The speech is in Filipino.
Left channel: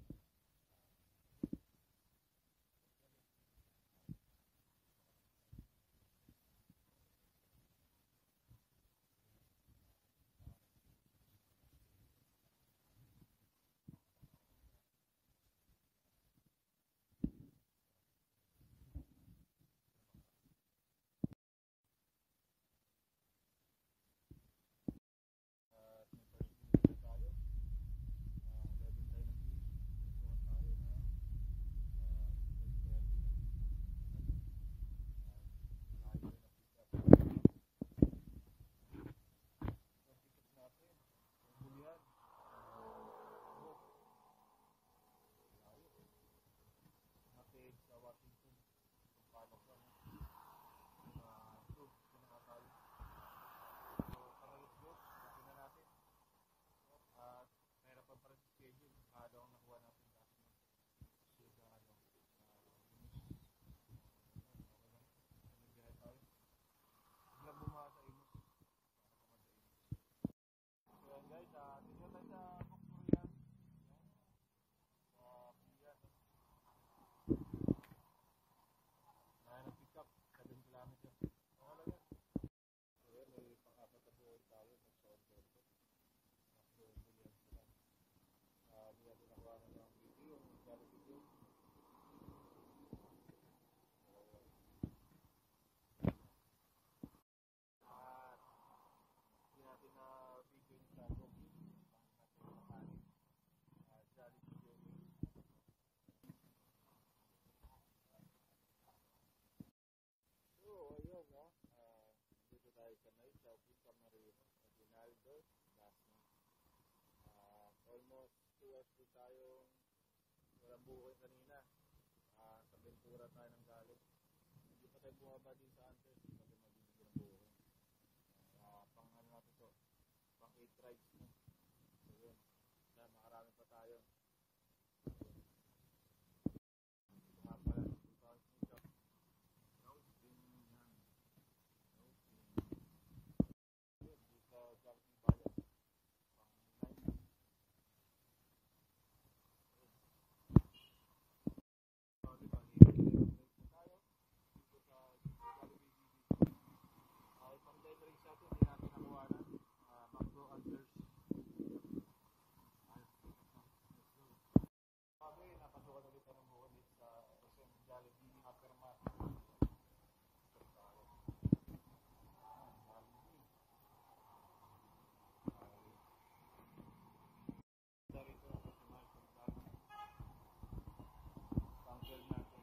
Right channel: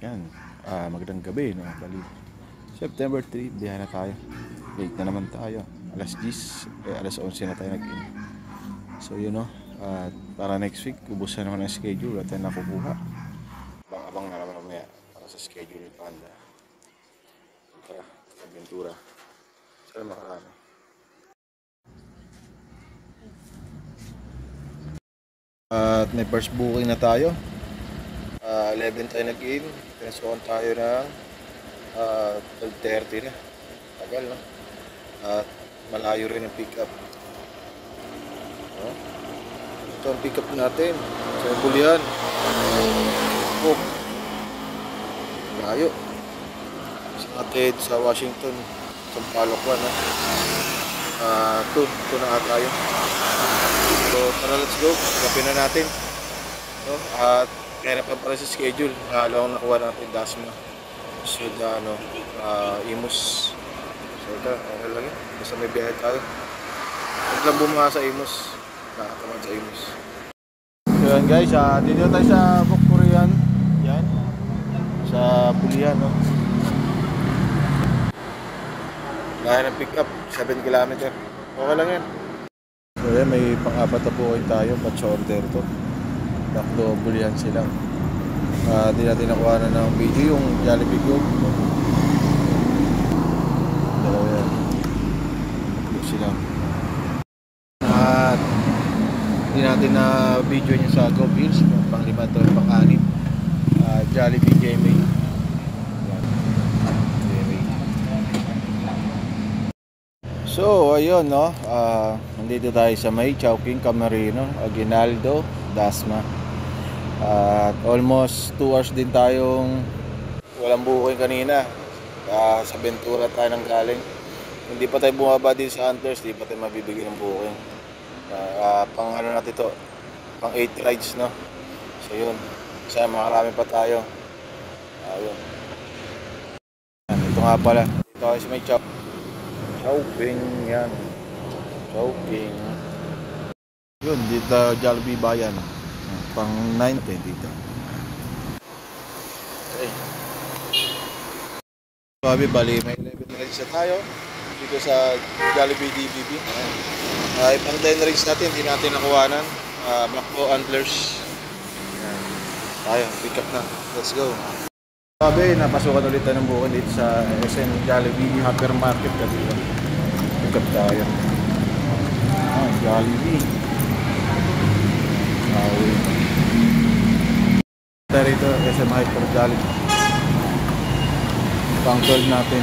Yan, magandang gabi, no? Bali, September 3, biyahe na tayo. Late na naman tayo. Alas 10, alas 11 na tayo nag-in. So yun, no? Para next week, ubos na naman ang schedule at tayo nakukuha. Abang na naman mamaya para sa schedule ni Panda. Tara, Aventura. Sana makarami. At may first booking na tayo. 11 tayo nag-in. Pinasukan tayo ng 12:30 na. Tagal, no? At malayo rin ang pick up. Ito ang pick up natin sa Bulian. Oh, layo. Sa atin sa Washington, sa Palokwan, no? Ito na ata tayo. So tara, let's go. Kapin na natin, no? At kaya pa para sa schedule, halong nakuha natin Dasma. So Imus. So ito, ano lang yun, basta may biyahe tayo. Huwag lang bumanga sa Imus. Nakakaman sa Imus. So yan guys, dito tayo sa Bukurian. Yan, sa Bulian, no? Lahat ng pick up, 7 km. Okay lang yan. So yan, may pang-apat na buhay tayo, batch order to. Daklo Bulian sila. Di natin nakuha na ng video yung Jollibee Group. Dalawa yan. Daklo sila. At di natin na video niya sa Go Bills. Pang-5 to, pang-6. Jollibee GMA. So ayun, no, nandito tayo sa may Chowking, Camarino, Aguinaldo, Dasma. At almost 2 hours din tayong walang booking kanina. Sa Ventura tayo nang galing. Hindi pa tayo bumaba din sa Hunters, hindi pa tayo mabibigyan ng booking. Pang ano natin to, pang 8 rides, no. So yun, sana makarami pa tayo. Ayun. Ito nga pala, dito tayo sa may Chowking, yan. Chowking. Yun, dito Jollibee Bayan. Pang 9 dito. Okay. Sabi, bali, may 11 rides na tayo dito sa Jollibee DBB. Pang 10 rides natin, hindi natin nakuhanan. Macbo Antlers. Yan. Tayo, pick up na. Let's go. Sabi, napasukan ulit tayo ng bukan dito sa SM Jollibee Hypermarket kasi pick up tayo. Jollibee. Dito SM Hyper Jollibee. Pang 12 natin.